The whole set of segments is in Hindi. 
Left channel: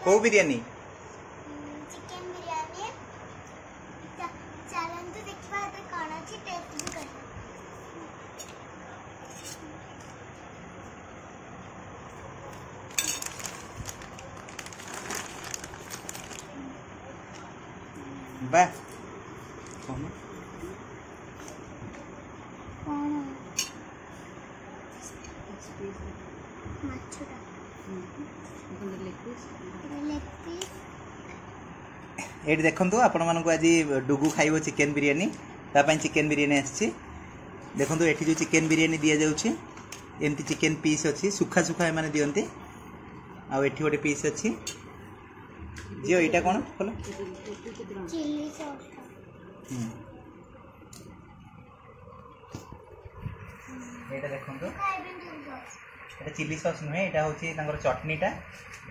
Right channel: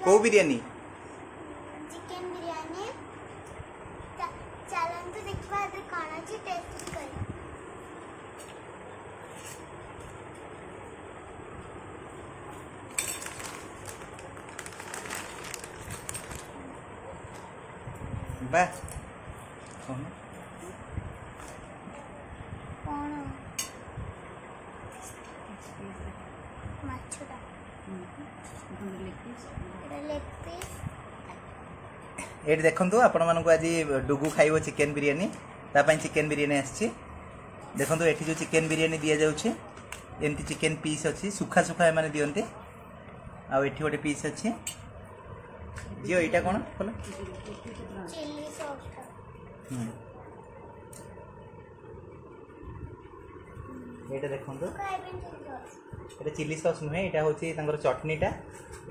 को बिरयानी चिकन बिरयानी चलते देखा कौन अच्छी टेस्ट भी कर बा ये देखु आपण मानक आज डुगु खाइबो चिकेन बिरयानी तापाई चिकेन बिरयानी आछि देखु एठी जो चिकेन बिरयानी दिया जाउछि एमती चिकेन पीस अच्छी सुखा सुखा माने दियंती आ एठी गोटे पीस अच्छी जियो एटा कोन खोलो चिली सॉस एटा देखंतु एटा चिली सॉस नुहे एटा होछि तांगर चटनीटा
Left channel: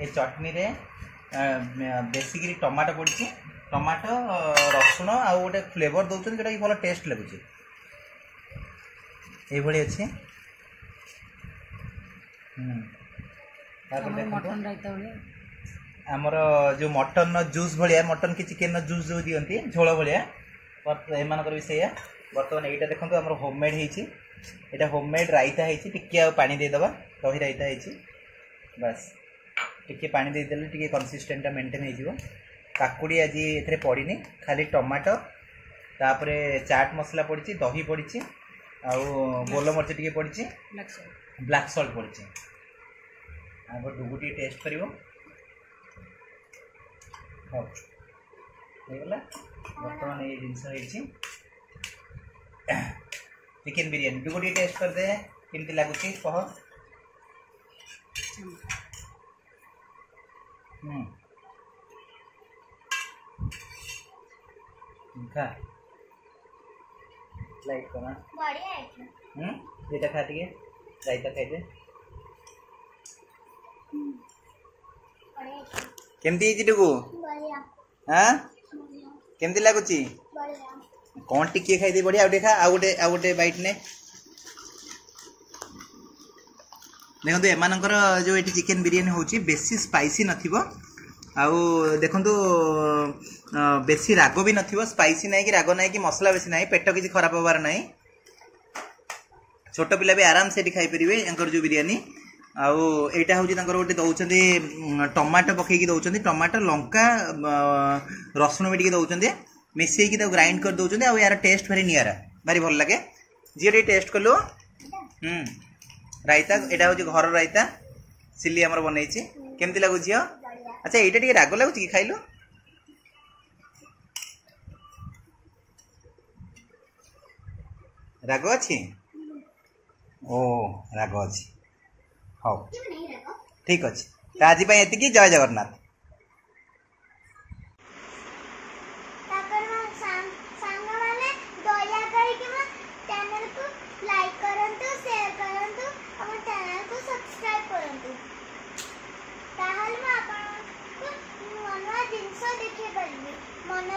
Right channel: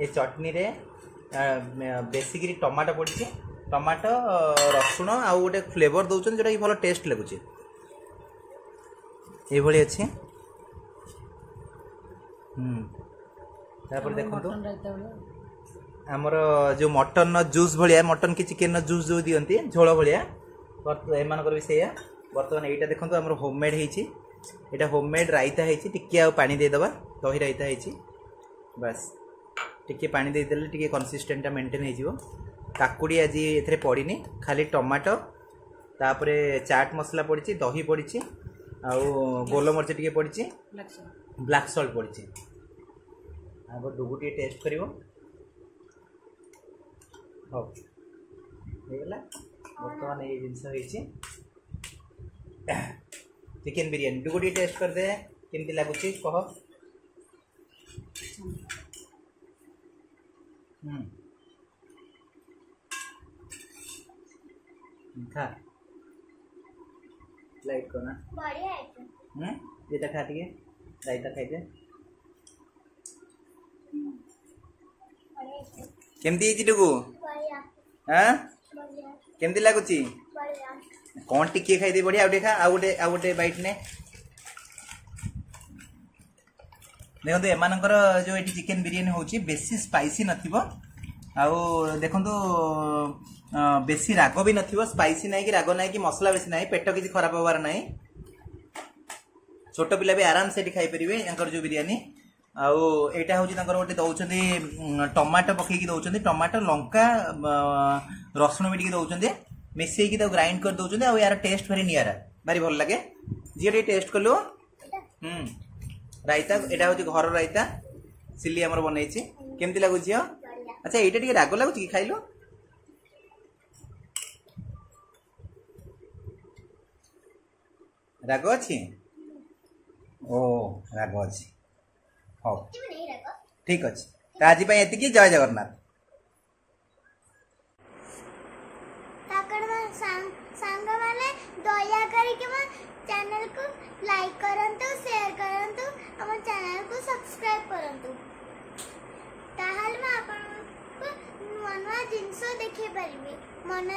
ए चटनी रे बेसिकली टमाटो पड़छ टमाटो रसुण आ गोटे फ्लेवर दउछन जेटा कि भलो टेस्ट लागुछि ए भली अछि तापर देखंतु मटन रायता भले हमर जो मटन जूस भलिया मटन की चिकेन जूस जो दियंती झोल भलिया एमानकर भी सेया वर्तमान एटा देखंतु हमर होममेड हेछि एटा होममेड रायता हेछि टिके आ पानी दे दबा दही रायता हेछि बस टिके पानी दे देले टिके कंसिस्टेंट मेंटेन हे जिवो काकुडी आज एथरे पड़ीनी खाली टमाटो तापरे चाट मसला पड़छि दही पड़छि आ गोल मरच टिके पड़छि ब्लैक सॉल्ट पड़छि आगो डुगुटी टेस्ट करिवो हो हेगला वर्तमान ये जिंस हेछि चिकन बिरयानी डुगुटी टेस्ट कर दे केमति लागुछि कह खा लाइक करना बढ़िया है ये खा दिए रायता खाई दे बढ़िया केमती जी डुगु बढ़िया हां बढ़िया केमती लागुची बढ़िया कौन टिके खाई दे बढ़िया आ गोटे बाइट ने देखो एमानकर जो ये चिकेन बिरयानी होची बेसी स्पाइसी नथिबो आउ देखंतु बेसी राग भी नथिबो स्पाइसी नहीं कि राग नहीं कि मसला बेसी नहीं पेट किसी खराब होबार नहीं छोट पिला भी आराम से खाई परिवे एंकर जो बिरयानी आउ एटा होची तांकर गोटे दउचंदी टमाटो पकेकी दउचंदी टमाटो लंका रसुण भी टिके दउचंदी मिसेई की ग्राइंड कर दउचंदी आउ यार टेस्ट भारी नियारा भारी भल लागे जी टेस्ट कलु रायता एटा होची घर रायता सिली हमर बनैछि केमति लागु जियो अच्छा एटा टिके राग लागु कि खाइलो राग अछि ओ राग अछि हो ठीक अछि त आज पय एति की जय जगन्नाथ मन